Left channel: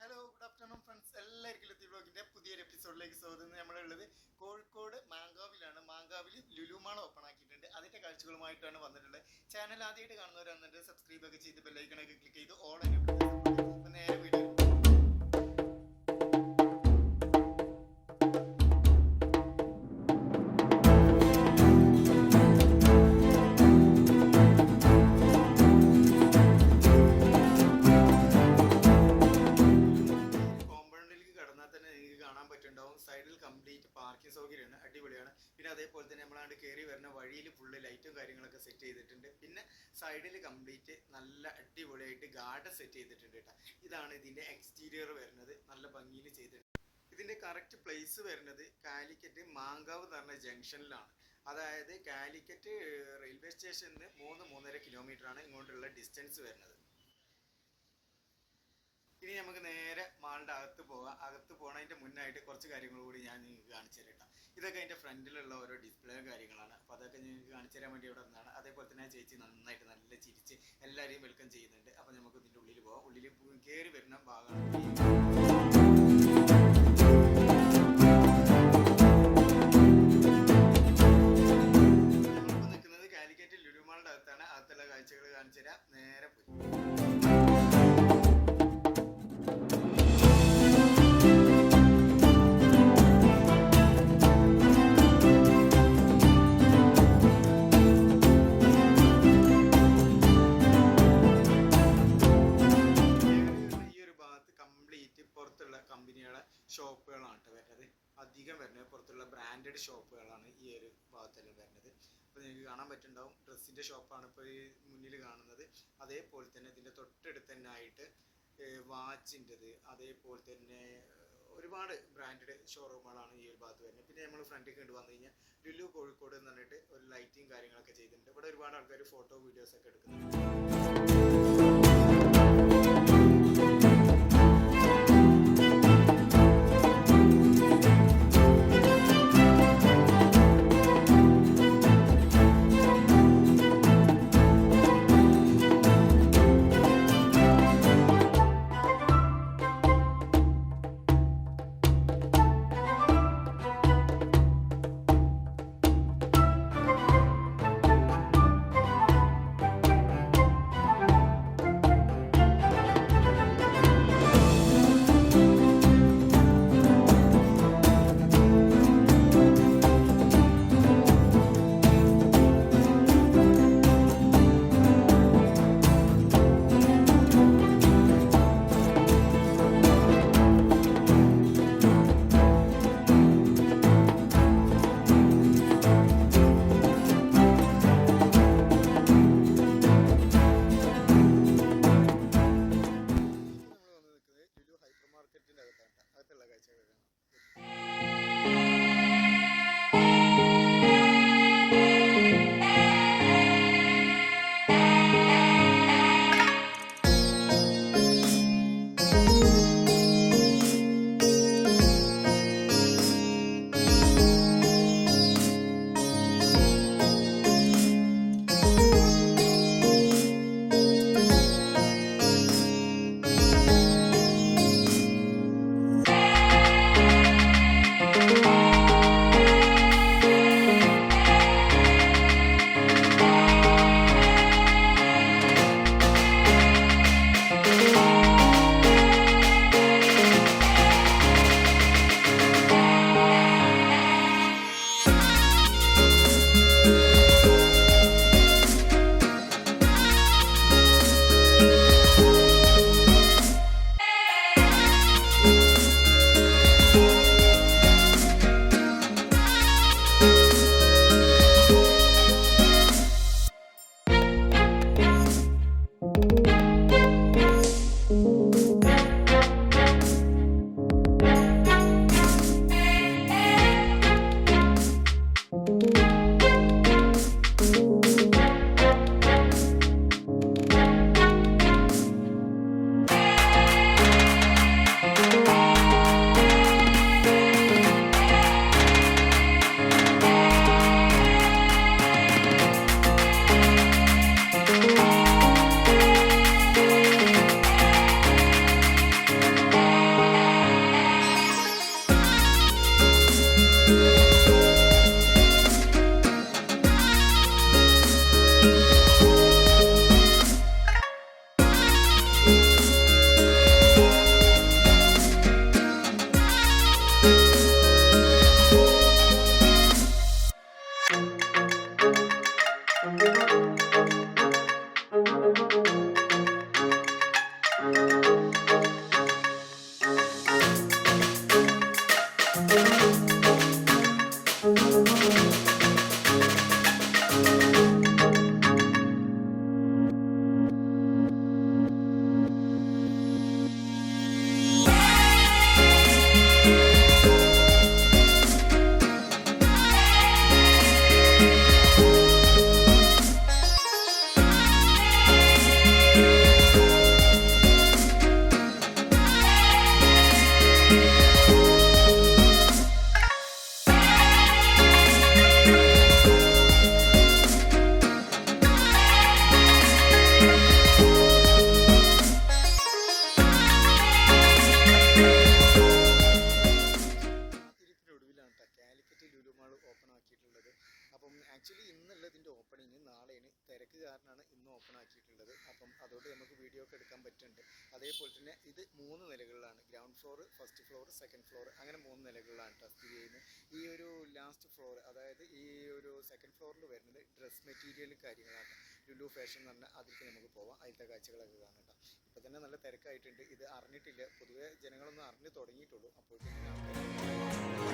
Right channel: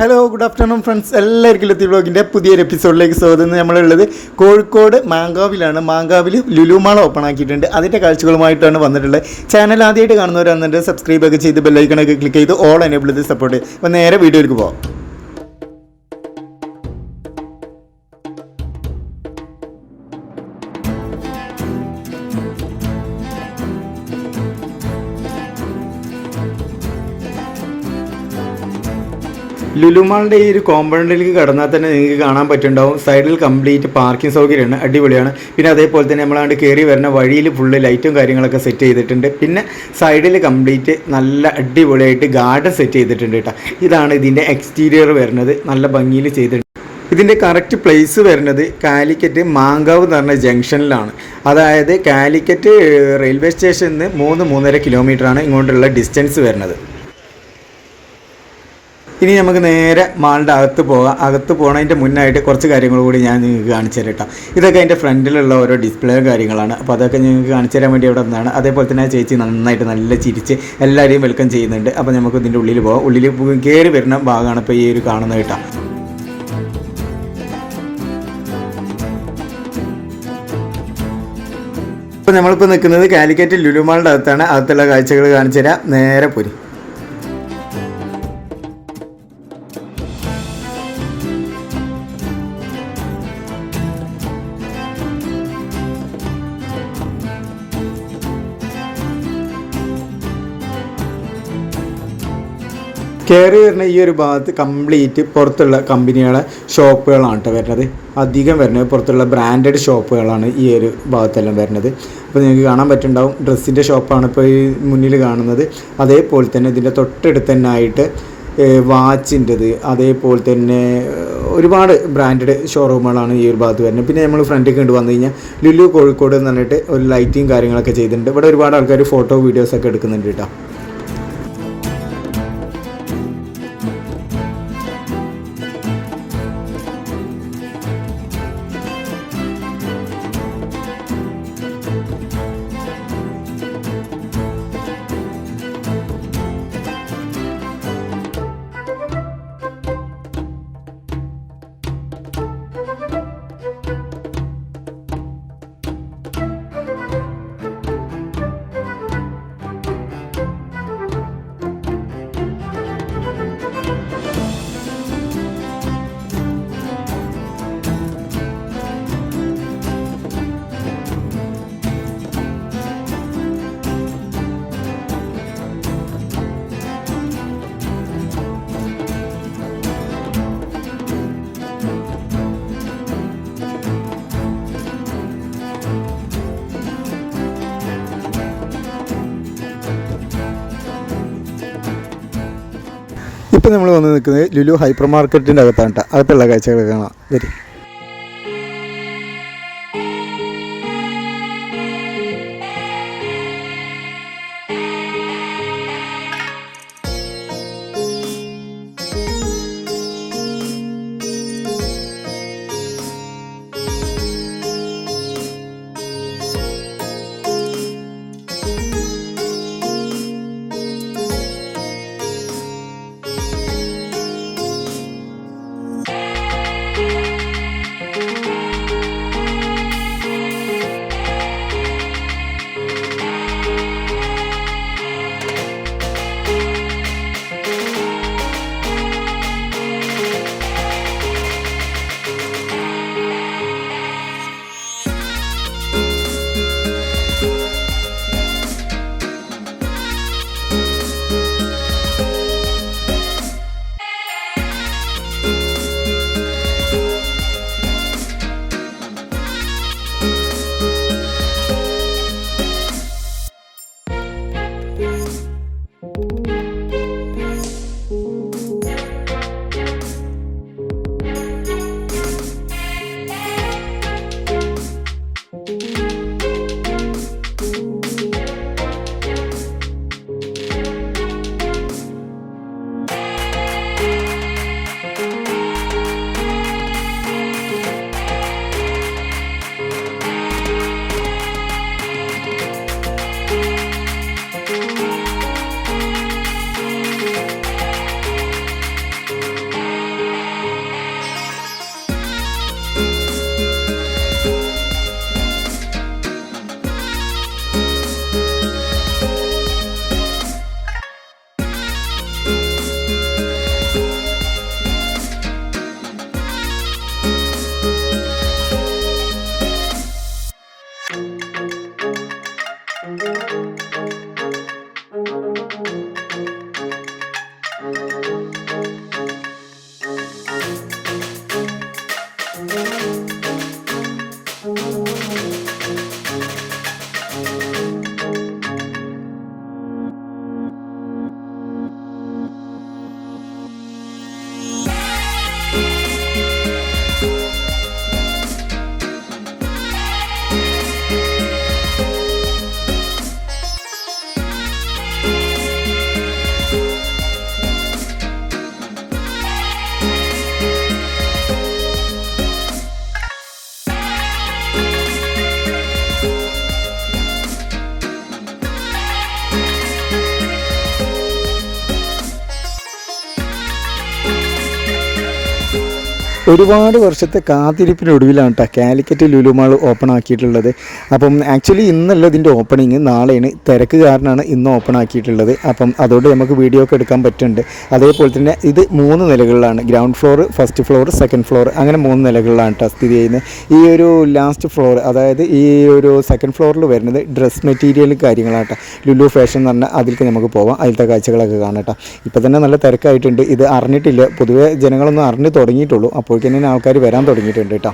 Hello good afternoon friends, എല്ലാവർക്കും ലത്തി വ്ളോഗിൻ്റെ പുതിയൊരു എപ്പിസോഡിലേക്ക് സ്വാഗതം. നമ്മളുള്ളത് കോഴിക്കോട് മാങ്കാവിലാണ്. മാങ്കാവിൽ ലുലു മാൾ ഓപ്പൺ ആക്കിയിട്ടുണ്ട്. അതിൻ്റെ കാഴ്ചകളുമായിട്ടാണ് വന്നിട്ടുള്ളത്. ചാനൽ ആദ്യമായിട്ട് കാണുന്നവരാണെന്നുണ്ടെങ്കിൽ സബ്സ്ക്രൈബ് ഒക്കെ ചെയ്ത് ബെല്ലൈക്കണൊക്കെ ക്ലിക്ക് ചെയ്ത് ഓൾ എനേബിൾ ചെയ്ത് സപ്പോർട്ട് ചെയ്യും. അപ്പോൾ നേരെ വീഡിയോയിലേക്ക് പോകാം. ലുലുമാളിൻ്റെ ഈ ഒരു കോമ്പൗണ്ടിലേക്ക് കടന്നാൽ തന്നെ നിങ്ങൾക്ക് കാണാൻ പറ്റുന്നുണ്ടാവും. സൈഡിൽ കംപ്ലീറ്റ് പാർക്കിംഗ് സൗകര്യമാണ്, അടിപൊളിയാണ്. പിന്നെ അതേപോലെ തന്നെ നമ്മളാണ്ട് കയറി വരുന്ന വഴിയിൽ ഫുള്ള് ലൈറ്റും കാര്യങ്ങളൊക്കെ സെറ്റ് ചെയ്തിട്ടുണ്ട്. പിന്നെ സൈഡിൽ കംപ്ലീറ്റ് നല്ല അടിപൊളിയായിട്ട് ഗാർഡൻ സെറ്റ് ചെയ്തിട്ടുണ്ട് കേട്ടോ. ഇതാണ് ഇതിൻ്റെ എക്സ്റ്റീരിയർ വരുന്നത്, നല്ല ഭംഗിയിൽ ചെയ്തിട്ടുണ്ട്. ഇതിൻ്റെ കറക്റ്റ് പ്ലേസ് വരുന്നത് കാലിക്കറ്റ് മാങ്കാവ് എന്ന് പറഞ്ഞ ജംഗ്ഷനിലാണ്. അതായത് കാലിക്കറ്റ് റെയിൽവേ സ്റ്റേഷനിൽ നിന്ന് 3-3.5 കിലോമീറ്ററാണ് ഇങ്ങോട്ടുള്ള ഡിസ്റ്റൻസ് വരുന്നത്. ഇനി നമുക്ക് നേരെ മാളിൻ്റെ അകത്ത് പോകാം. അകത്ത് പോകണതിൻ്റെ മുന്നായിട്ട് കുറച്ച് കാര്യങ്ങൾ കൂടി ഞാൻ നിങ്ങൾക്ക് കാണിച്ചു തരാം കേട്ടോ. ഇതൊക്കെ അതിൻ്റെ ഫ്രണ്ടിലുള്ള ഓരോ ഡിസ്പ്ലേ കാര്യങ്ങളാണ്. അപ്പോൾ അതൊക്കെ നിങ്ങൾക്ക് കാണിച്ചു തരാൻ വേണ്ടി അവിടെ നിന്നാണ്. അതേപോലെ തന്നെ ചേച്ചി നന്നായിട്ട് നല്ല ചിരിച്ച് എല്ലാവരെയും വെൽക്കം ചെയ്യുന്നുണ്ട്. അപ്പോൾ നമുക്ക് ഇതിൻ്റെ ഉള്ളിൽ പോകാം. ഉള്ളിൽ കയറി വരുന്ന ഭാഗമാണ് ഇപ്പോൾ ഈ ഒരു കാണുന്നത് കേട്ടോ. അപ്പോൾ നമ്മളിപ്പോൾ നിൽക്കുന്നത് കാലിക്കറ്റ് ലുലു മാളിൻ്റെ അകത്താണ്. അകത്തുള്ള കാഴ്ചകൾ കാണിച്ചു തരാം. നേരെ പോരി. കയറി വരുന്ന ഈ ഒരു ഭാഗത്ത് കംപ്ലീറ്റ് പുറത്തുള്ള കമ്പനികളെ ഷോപ്പുകളാണ് കേട്ടോ വരുന്നത്. അധികം വരുന്നത് പുറത്തുള്ള ബ്രാൻഡഡ് ഷോപ്പുകളാണ് ഈ ഒരു ഭാഗത്തെല്ലാം വരുന്നത്. അപ്പോൾ നിങ്ങൾക്ക് കാണാൻ പറ്റുന്നുണ്ടാവും, ഡ്രസ്സിൻ്റെ ഷോപ്പാണ് ഇപ്പോൾ ഈ മുന്നിൽ കാണുന്നത്. അതേപോലെ തന്നെ ഇതിൻ്റെ തൊട്ടടുത്ത് തന്നെ ആയിട്ട് വാച്ചിൻ്റെത്, അതേപോലെ തന്നെ ഒരുപാട് ബ്രാൻഡഡ് ഷോറൂമുകളാണ് ഈ ഒരു ഭാഗത്ത് വരുന്നത്. പിന്നെ നമ്മൾ ഫ്രണ്ടിൽ കണ്ടു വന്നു കഴിഞ്ഞാൽ ലുലു കോഴിക്കോട് എന്ന് പറഞ്ഞിട്ട് ഒരു ലൈറ്റിങ് കാര്യങ്ങളൊക്കെ ചെയ്തിട്ടുണ്ട്. ഇവിടെ ഒരുപാട് ആൾക്കാർ ഫോട്ടോ വീഡിയോസൊക്കെ എടുക്കുന്നുണ്ട് കേട്ടോ. ഇപ്പോൾ നമ്മൾ വന്ന് നിൽക്കുന്നത് ലുലു ഹൈപ്പർ മാർക്കറ്റിൻ്റെ അകത്താണ് കേട്ടോ. അകത്തുള്ള കാഴ്ചകൾ കാണാം. വരും. ഒരുപാട് വർഷത്തെ കാത്തിരിപ്പിനൊടുവിലാണ് കേട്ടോ കാലിക്കറ്റ് ലുലു മാൾ ഓപ്പൺ ആക്കിയിട്ടുള്ളത്. അപ്പം ആക്ച്വലി ഇന്നല്ല ഇതിൻ്റെ ഓപ്പണിങ്, നാളെയാണ്. തിരക്ക് കാരണമാണ് ഇന്ന് ഓപ്പൺ ആക്കിയിട്ടുള്ളത്. അപ്പം അതുകൊണ്ട് നമുക്ക് വീഡിയോ ഒക്കെ എടുക്കാൻ പറ്റുന്നുണ്ട്. അതേപോലെ തന്നെ ഇത് 3 നിലകളിലാണ്. Ground floor, first floor, second floor, അങ്ങനെ 3 നിലകളിലാണ് കേട്ടോ സ്ഥിതി ചെയ്യുന്നത്. ഈ ഒരു ലാസ്റ്റ് ഫ്ലോർ, അതായത് ഈ ഒരു സെക്കൻഡ് ഫ്ലോറിൽ വരുന്നത് ഡ്രസ് മെറ്റീരിയൽ കാര്യങ്ങളാണ് കേട്ടോ. ലുലു ഫാഷൻ എന്ന് പറഞ്ഞാൽ അതിലേക്ക് നമുക്ക് പോവാം, അതിലത്തെ കാഴ്ചകളൊക്കെ കാണാം കേട്ടോ. ഇപ്പോൾ തന്നെ നല്ല തിരക്കായിട്ടുണ്ട്. ഇത് അറിഞ്ഞിട്ടില്ല, പൊതുവേ ജനങ്ങളൊന്നും അറിഞ്ഞ് തുടങ്ങിയിട്ടുള്ളൂ. അപ്പോഴേക്കും തന്നെ ആൾക്കാർ വരാൻ തുടങ്ങിയിട്ടുണ്ട് കേട്ടോ.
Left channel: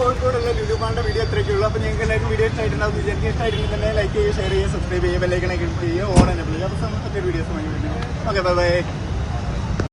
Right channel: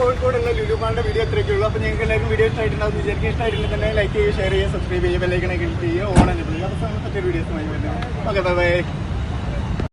കോഴിക്കോടുള്ള ലുലു മാളിന്റെ വീഡിയോ ഇത്രയൊക്കെ ഉള്ളൂ. അപ്പോൾ നിങ്ങൾക്ക് എല്ലാവർക്കും വീഡിയോ ഇഷ്ടമായിട്ടുണ്ടാവും വിചാരിക്കും. ഇഷ്ടമായിട്ടുണ്ടെങ്കിൽ തന്നെ ലൈക്ക് ചെയ്യുക, ഷെയർ ചെയ്യുക, സബ്സ്ക്രൈബ് ചെയ്യുക, ബെല്ലൈക്കണൊക്കെ ക്ലിക്ക് ചെയ്യുക, ഓൺ എന്നെ വിളിക്കുക. അപ്പോൾ മറ്റൊരു വീഡിയോസുമായി വരുന്നത്. Okay, by.